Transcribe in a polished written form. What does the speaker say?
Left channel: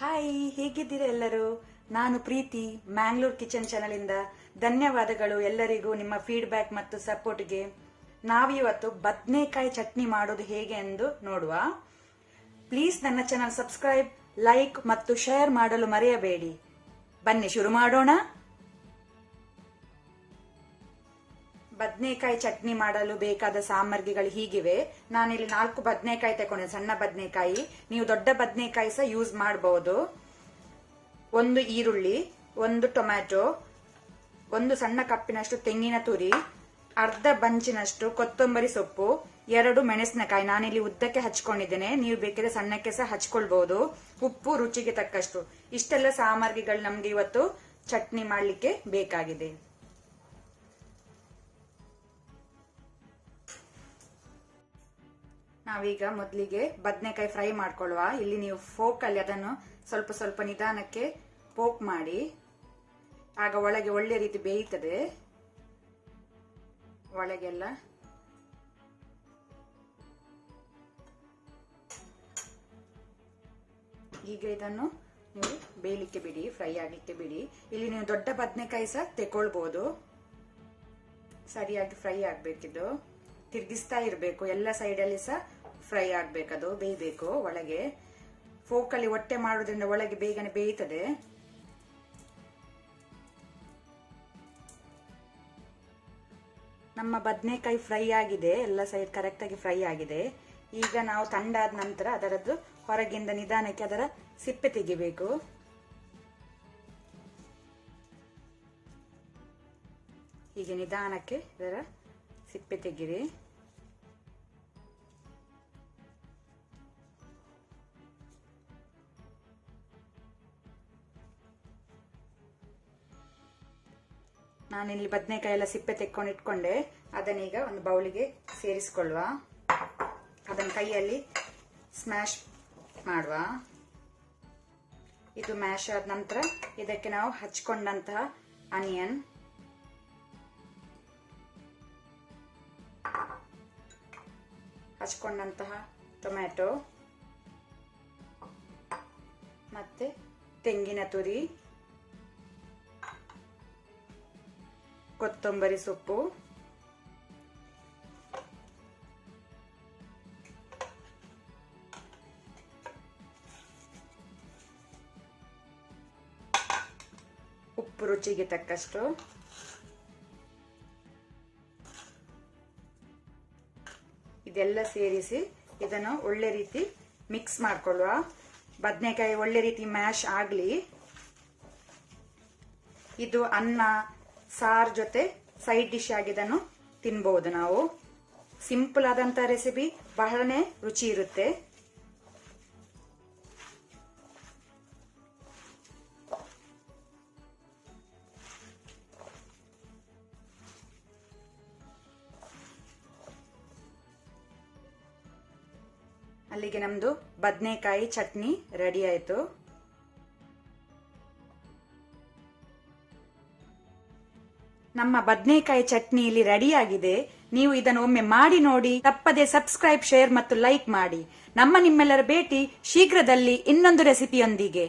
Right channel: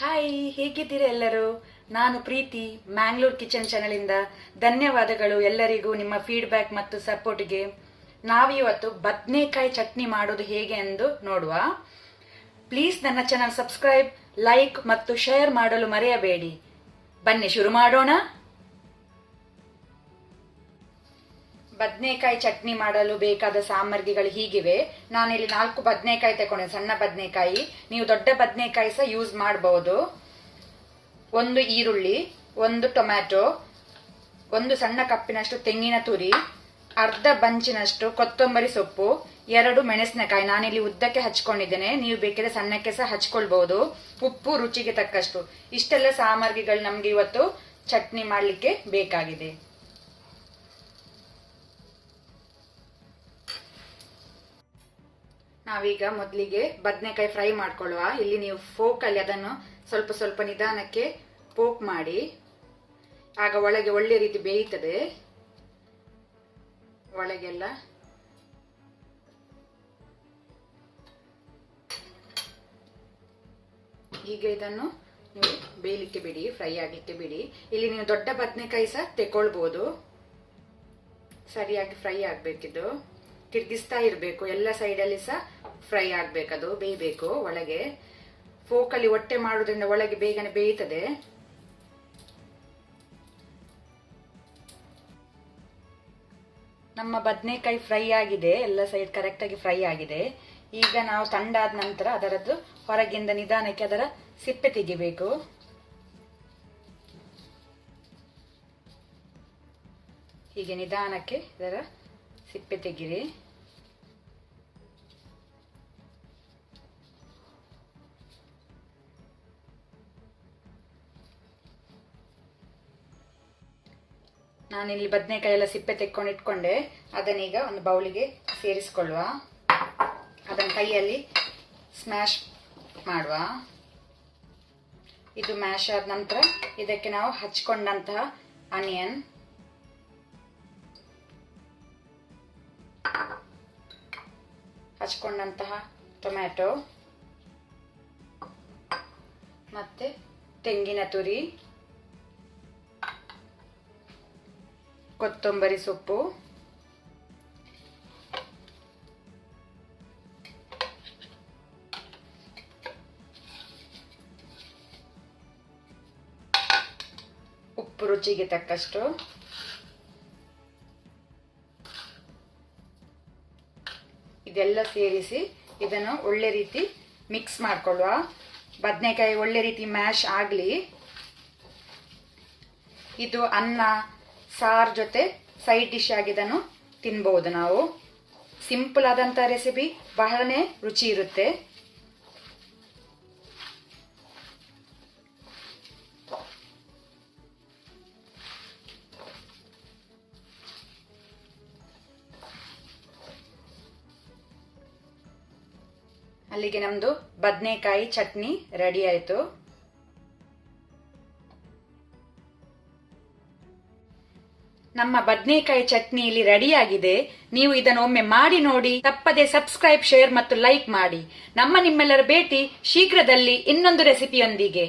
Hi, ಹೇಗಿದ್ದೀರಾ ಎಲ್ಲರೂ? ನಾನು ಪ್ರೀತಿ, ಮ್ಯಾಂಗ್ಳೂರ್ ಕಿಚನ್ ಚಾನಲಿಂದ. ಧನ್ಯವಾದಗಳು ಎಲ್ಲರಿಗೂ ನಿಮ್ಮ ಫೀಡ್ಬ್ಯಾಕ್ ಮತ್ತು ಸಪೋರ್ಟ್ಗೆ. ನಾವಿವತ್ತು ಬದನೆಕಾಯಿ ಚಟ್ನಿ ಮಾಡೋದು ಹೇಗೆ ಎಂದು ನೋಡುವ. ಪ್ಲೀಸ್ ನನ್ನ ಚಾನಲ್ ಸಬ್ಸ್ಕ್ರೈಬ್, ಲೈಕ್ ಮತ್ತು ಶೇರ್ ಮಾಡಲು ಮರೆಯಬೇಡಿ. ಬನ್ನಿ ಶುರು ಮಾಡೋಣ. ಬದನೆಕಾಯಿ ಚಟ್ನಿ ಮಾಡಲು ಬೇಕಾದ ಸಾಮಗ್ರಿಗಳು ಹೀಗಿವೆ. ನಾನಿಲ್ಲಿ 4 ಬದನೆಕಾಯಿ ತಗೊಂಡೆ, ಸಣ್ಣ ಬದನೆಕಾಯಿ. ನೀವು ದೊಡ್ಡ ಬದನೆಕಾಯಿ ಸಹ ಯೂಸ್ ಮಾಡಬಹುದು. 1 ಈರುಳ್ಳಿ, 1 ಟೊಮ್ಯಾಟೊ, 1 ಸಣ್ಣ ಕಪ್ಪಿನಷ್ಟು ತೆಂಗಿನ ತುರಿ, ಅರ್ಧ ಬಂಚಿನಷ್ಟು ಕೊತ್ತಂಬರಿ ಸೊಪ್ಪು, 2 ಮೆಣಸಿನಕಾಯಿ. ನಾನಿಲ್ಲಿ ಉದ್ದಕ್ಕೆ ಹಚ್ಕೊಂಡಿದ್ದೇನೆ, ನೀವು ಬೇಕಿದ್ರೆ ಸಣ್ಣಕ್ಕೆ ಸಹ ಹಚ್ಕೊಳ್ಬಹುದು. ಉಪ್ಪು ರುಚಿಗೆ ತಕ್ಕಷ್ಟು. ಇಷ್ಟೆಲ್ಲ ಸಾಮಗ್ರಿಗಳು ನಮ್ಗೆ ಇವತ್ತು ಚಟ್ನಿ ಮಾಡಲಿಕ್ಕೆ ಬೇಕಾಗಿದೆ. ನಾವೀಗ ಮೊದಲಿಗೆ ಬದನೆಕಾಯಿ ಫ್ರೈ ಮಾಡ್ಕೊಳ್ಳುವ. ಇಲ್ಲಿ ನೀವು ಫೋಕಲ್ಲಿ ಅದನ್ನು ಸ್ವಲ್ಪ ಸ್ವಲ್ಪ ನಿಧಾನಕ್ಕೆ ಪೋಕ್ ಮಾಡಿ, ಆಗ ಒಳಗೆ ಒಳ್ಳೆ ರೀತಿ ಬೇಯುತ್ತದೆ. ಒಳಗೆಲ್ಲ ಹೀಗೆ ಇದನ್ನು ನೀವು ಬೇಯಲಿಕ್ಕೆ ಬಿಡಿ, ಫ್ರೈ ಆಗಲಿಕ್ಕೆ ಬಿಡಿ. ಇಲ್ಲಿ ನೀವು ದೊಡ್ಡ ಬದನೆಕಾಯಿ ಸಹ ತೆಕೊಳ್ಬಹುದು. ಸರಿಯಾಗಿ ಫ್ರೈ ಆಗ್ಬೇಕಿದ್ದು, ತಿರ್ಗಿಸ್ತಾ ಇರಬೇಕು. ಎಲ್ಲ ಸೈಡಲ್ಲಿ ಸಹ ಫ್ರೈ ಆಗ್ಬೇಕದು, ಬೇಯಬೇಕು. ಒಳಗೆ ಫೋಕಲ್ಲಿ ಒಟ್ಟೆ ಮಾಡುವುದರಿಂದ ಒಳಗೆ ಬೇಗನೆ ಬೇಯುತ್ತದೆ. ನಮ್ಮ ಬದನೆಕಾಯಿ ಫ್ರೈ ಆಗಿದೆ, ಎಲ್ಲ ಸೈಡ್ ಕರೆಕ್ಟಾಗಿ ಫ್ರೈ ಆಗಿದೆ. ಈಗ ನಾವು ತಣ್ಣಾದ ನಂತರ ಅದರದ್ದು ಹೊರಗಿಂದ ನಿಧಾನಕ್ಕೆ ಅದರ ಸಿಪ್ಪೆ ತೆಗಿಬೇಕು. ಹೀಗೆ ನಿಧಾನಕ್ಕೆ ಅದರ ಸಿಪ್ಪೆ ತೆಗಿರಿ. ನಾನಿಲ್ಲಿ ಬದನೆಕಾಯಿ ಎಲ್ಲ ಸಿಪ್ಪೆ ತೆಕ್ಕೊಂಡು ಇಟ್ಕೊಂಡೆ. ಅದನ್ನೀಗ ಒಂದು ಬೌಲಿಗೆ ಸೇರಿಸಿಕೊಳ್ಳುವ. ಅದನ್ನು ಕೈಯಲ್ಲಿ ಸ್ಮ್ಯಾಶ್ ಮಾಡುವ. ಇದು ಮ್ಯಾಶ್ ಆದ ನಂತರ ಇದಕ್ಕೆ ನಾವು ಹಚ್ಕೊಂಡಂತಹ ಆನಿಯನ್, ಹಚ್ಕೊಂಡಂತಹ ಟೊಮ್ಯಾಟೊ ಮತ್ತೆ ತೆಂಗಿನ ತುರಿ, ಕೊತ್ತಂಬರಿ ಸೊಪ್ಪು, ಉಪ್ಪು ರುಚಿಗೆ ತಕ್ಕಷ್ಟು, ಇದೆಲ್ಲ ಸೇರಿಸಿ ಇದನ್ನು ಒಳ್ಳೆ ರೀತಿ ಮಿಕ್ಸ್ ಮಾಡಿಕೊಳ್ಳುವ. ಬದನೆಕಾಯಿ ಒಳ್ಳೆ ರೀತಿ ಮ್ಯಾಶ್ ಆಗಲಿ. ಇದು ಅನ್ನ ಸಾರು ಜೊತೆ ಸೈಡ್ ಡಿಶ್ ಆಗಿ ಇದನ್ನು ತಿನ್ಬಹುದು ನಾವು. ಸಿಂಪಲ್ ಆದಂಥ ರೆಸಿಪಿ, ಬಹಳನೇ ರುಚಿ ಇರುತ್ತೆ. ಅಲ್ಲಿಗೆ ನಮ್ಮದು ಬದನೆಕಾಯಿ ಚಟ್ನಿ ರೆಡಿ ಆಯಿತು. ನಮ್ಮ ಬದನೆಕಾಯಿ ಚಟ್ನಿ ಇಲ್ಲಿ ರೆಡಿಯಾಗಿದೆ. ನೀವು ಇದನ್ನು ಒಮ್ಮೆ ಮಾಡಿ ನೋಡಿ. ತಪ್ಪದೆ ಸಬ್ಸ್ಕ್ರೈಬ್, ಶೇರ್ ಮತ್ತು ಲೈಕ್ ಮಾಡಿ. ನಿಮ್ಮೆಲ್ಲರ ಭೇಟಿ ಶೀಘ್ರದಲ್ಲಿ ಇನ್ನೊಂದು ರೆಸಿಪಿಯೊಂದಿಗೆ.